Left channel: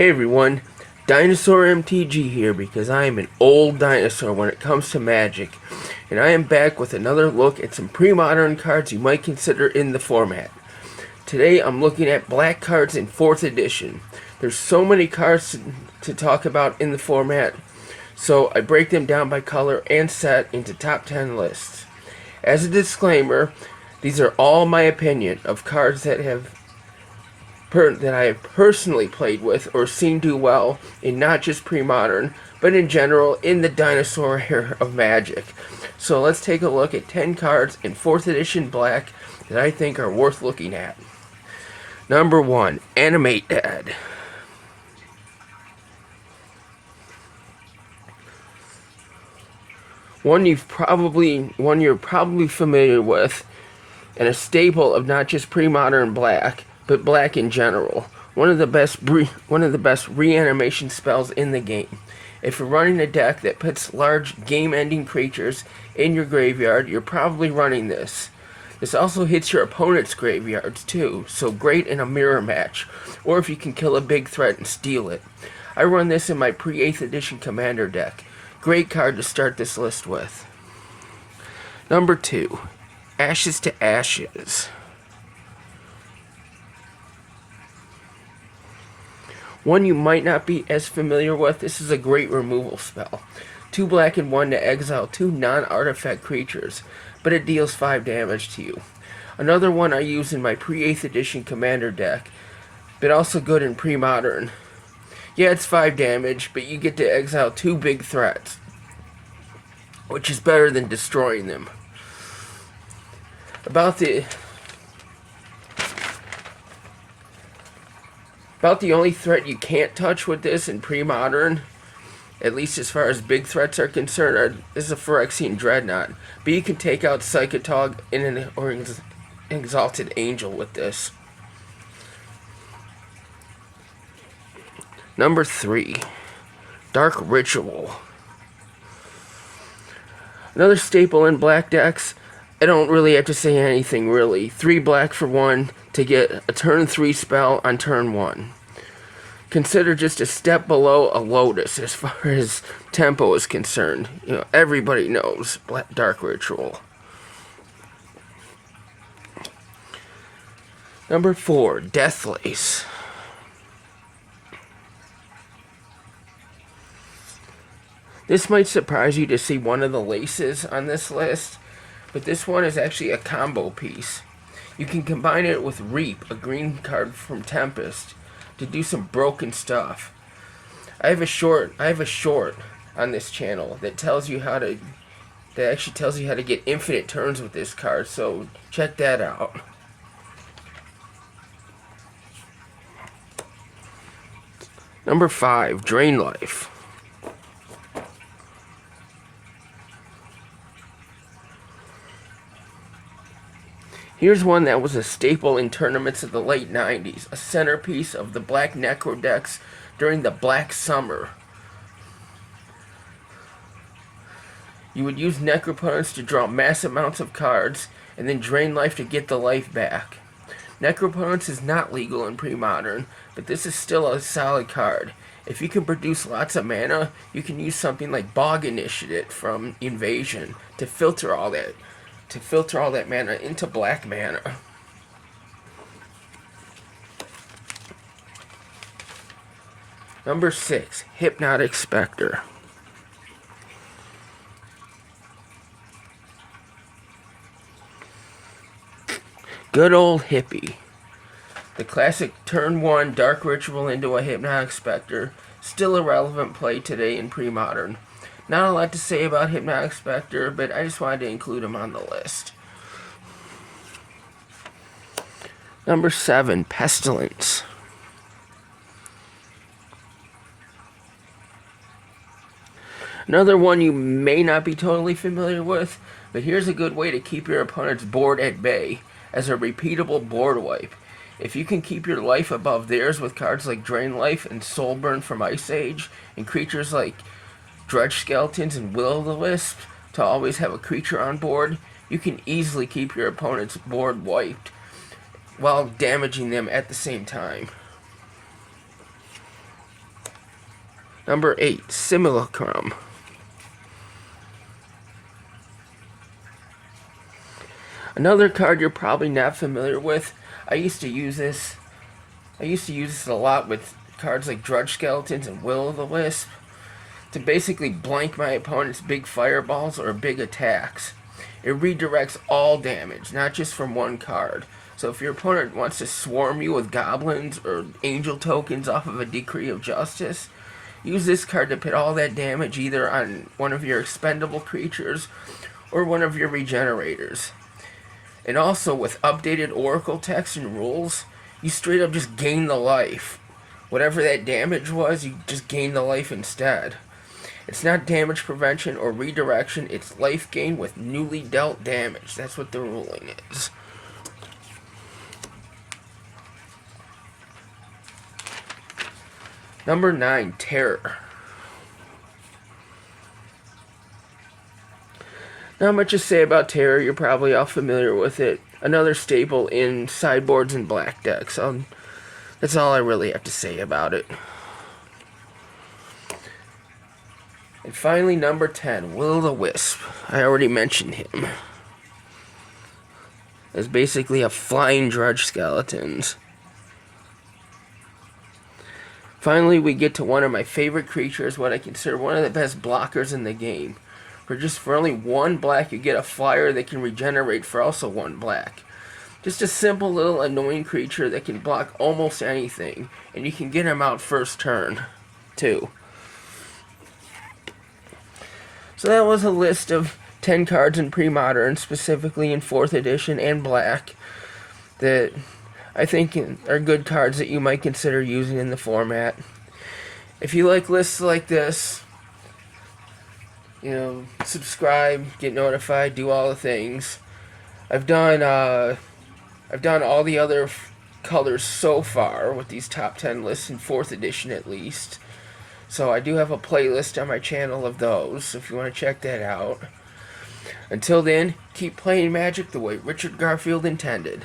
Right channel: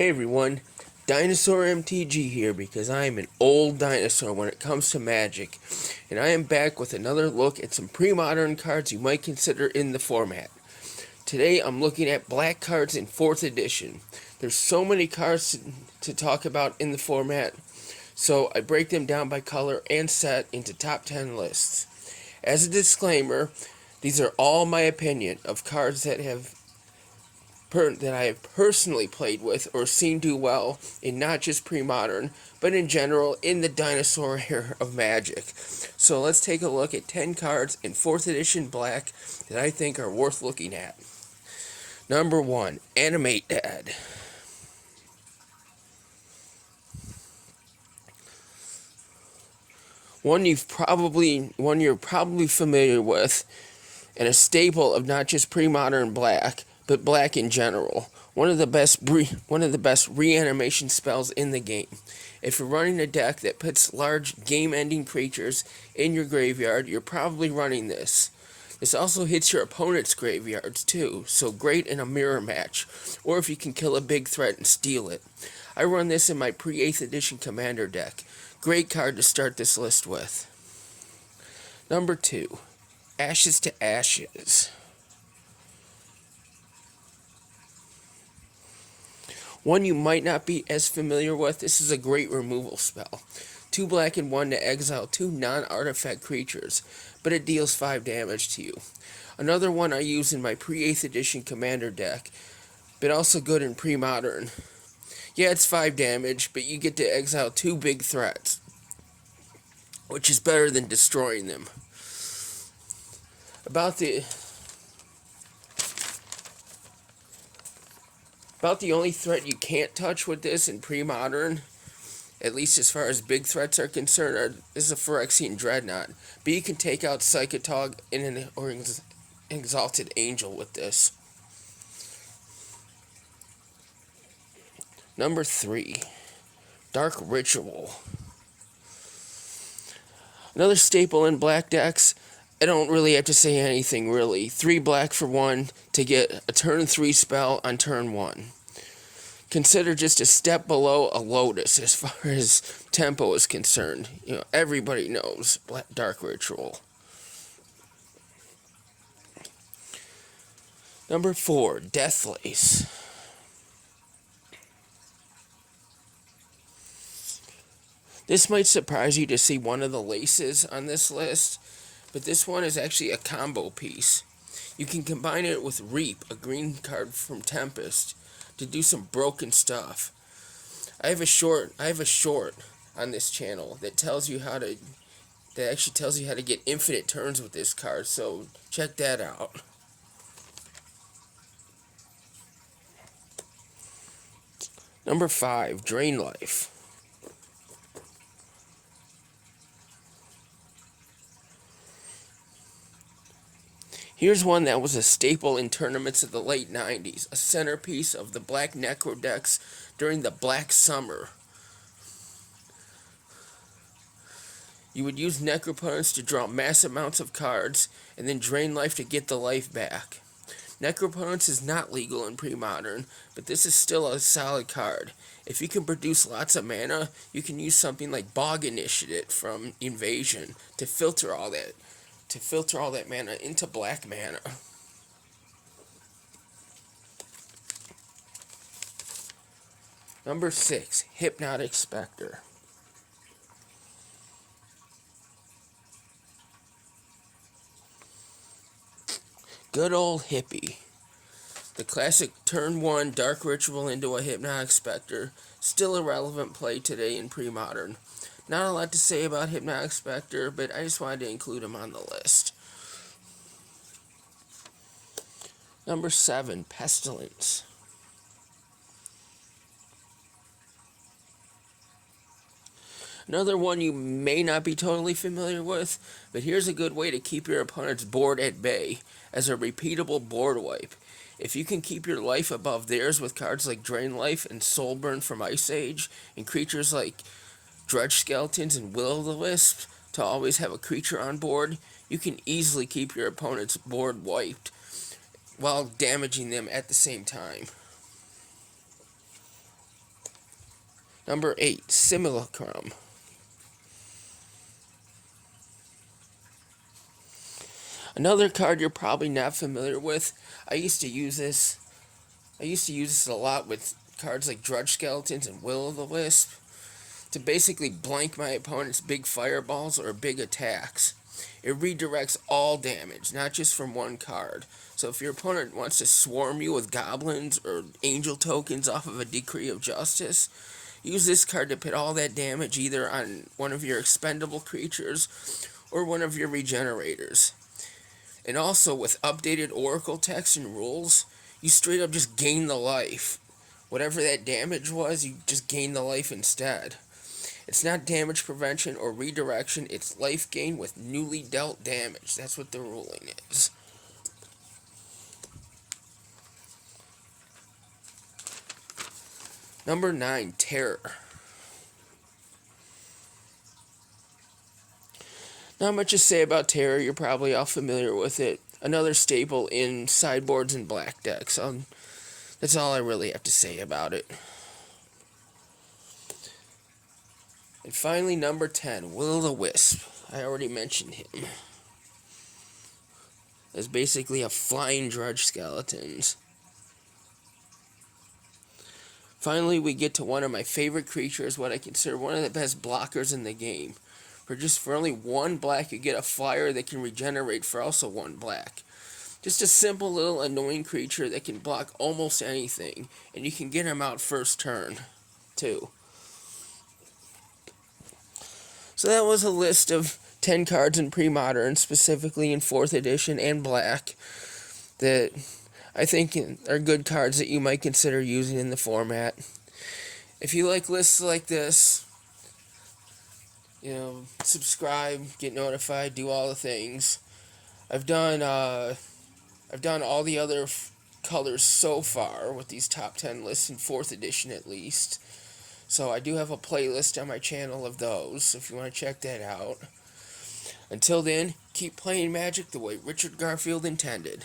Hey everyone, Dinosaur MTG here because I am an old dinosaur when it comes to Magic, and I am back with another look at some pre-modern cards you might consider in the format. Today I'm looking at black cards in 4th edition. There's so many cards to talk about in the format, so I break them down by color and set into top 10 lists. As a disclaimer, these are all my opinion of cards that I have personally played with or seen do well in not just pre-modern, but in general in the dinosaur era of Magic. So let's take a look at 10 cards in 4th edition black that I think are worth looking at. Number 1, Animate Dad. One you're probably familiar with, and a staple of not just pre-modern black, but black in general. One of the best reanimation spells in the game. If you're running a deck that puts large game-ending creatures in your graveyard, you're probably running this. This also hits your opponent's graveyards too, so great in a mirror match, or if you can kill a big threat and steal it. I run this in my pre-8th edition Commander deck. Great card to start this list with. Number 2, Ashes to Ashes. One you might not be as familiar with, this is a great removal spell. 2 black and 1 to exile 2 non-artifact creatures, but it deals 5 damage to you. Another one I use in my pre-8th edition Commander deck, but also good in pre-modern. Yeah, it's 5 damage, but you get to exile 2 big threats, which is better than destroying them. About the only threat you can't touch with this in pre-modern, at least as far as big threats are concerned, is a Phyrexian Dreadnought. But you can take out Psychotog or an Exalted Angel with this. Number 3, Dark Ritual. Another staple in black decks. I don't really have to say anything, really. 3 black for 1 to get a turn 3 spell on turn 1. Consider just a step below a Lotus as far as tempo is concerned. You know, everybody knows Dark Ritual. Number 4, Deathlace. This might surprise you to see one of the laces on this list, but this one is actually a combo piece. You can combine it with Reap, a green card from Tempest, to do some broken stuff. I have a short on this channel that tells you how to get infinite turns with this card, so check that out. Number 5, Drain Life. Here's one that was a staple in tournaments of the late 90s, a centerpiece of the black Necro decks during the Black Summer. You would use Necropotence to draw mass amounts of cards, and then drain life to get the life back. Necropotence is not legal in pre-modern, but this is still a solid card. If you can produce lots of mana, you can use something like Bog Initiate from Invasion to filter all that mana into black mana. Number 6, Hypnotic Spectre. Good old Hippie. The classic turn 1 Dark Ritual into a Hypnotic Spectre, still a relevant play today in pre-modern. Not a lot to say about Hypnotic Spectre, but I just wanted to include him on the list. Number 7, Pestilence. Another one you may not be totally familiar with, but here's a good way to keep your opponent's board at bay as a repeatable board wipe. If you can keep your life above theirs with cards like Drain Life and Soulburn from Ice Age, and creatures like Dredge Skeletons and Will-o'-the-Wisp to always have a creature on board, you can easily keep your opponent's board wiped while damaging them at the same time. Number 8, Simulacrum. Another card you're probably not familiar with. I used to use this a lot with cards like Drudge Skeletons and Will-o'-the-Wisp to basically blank my opponent's big fireballs or big attacks. It redirects all damage, not just from one card. So if your opponent wants to swarm you with goblins or angel tokens off of a Decree of Justice, use this card to put all that damage either on one of your expendable creatures or one of your regenerators. And also, with updated Oracle text and rules, you straight up just gain the life. Whatever that damage was, you just gain the life instead. It's not damage prevention or redirection, it's life gain with newly dealt damage. That's what the ruling is. Number 9, Terror. Not much to say about Terror, you're probably all familiar with it. Another staple in sideboards and black decks. That's all I really have to say about it. And finally, number 10, Will-o'-the-Wisp. I already mentioned him. It's basically a flying Drudge Skeletons. Finally, we get to one of my favorite creatures, what I consider one of the best blockers in the game. For only 1 black, you get a flyer that can regenerate for also 1 black. Just a simple little annoying creature that can block almost anything, and you can get him out first turn, too. So that was a list of 10 cards in Premodern, specifically in 4th edition and black, that I think are good cards that you might consider using in the format. If you like lists like this, subscribe, get notified, do all the things. I've done all the other colors so far with these top 10 lists in 4th edition at least. So I do have a playlist on my channel of those, if you want to check that out. Until then, keep playing Magic the way Richard Garfield intended.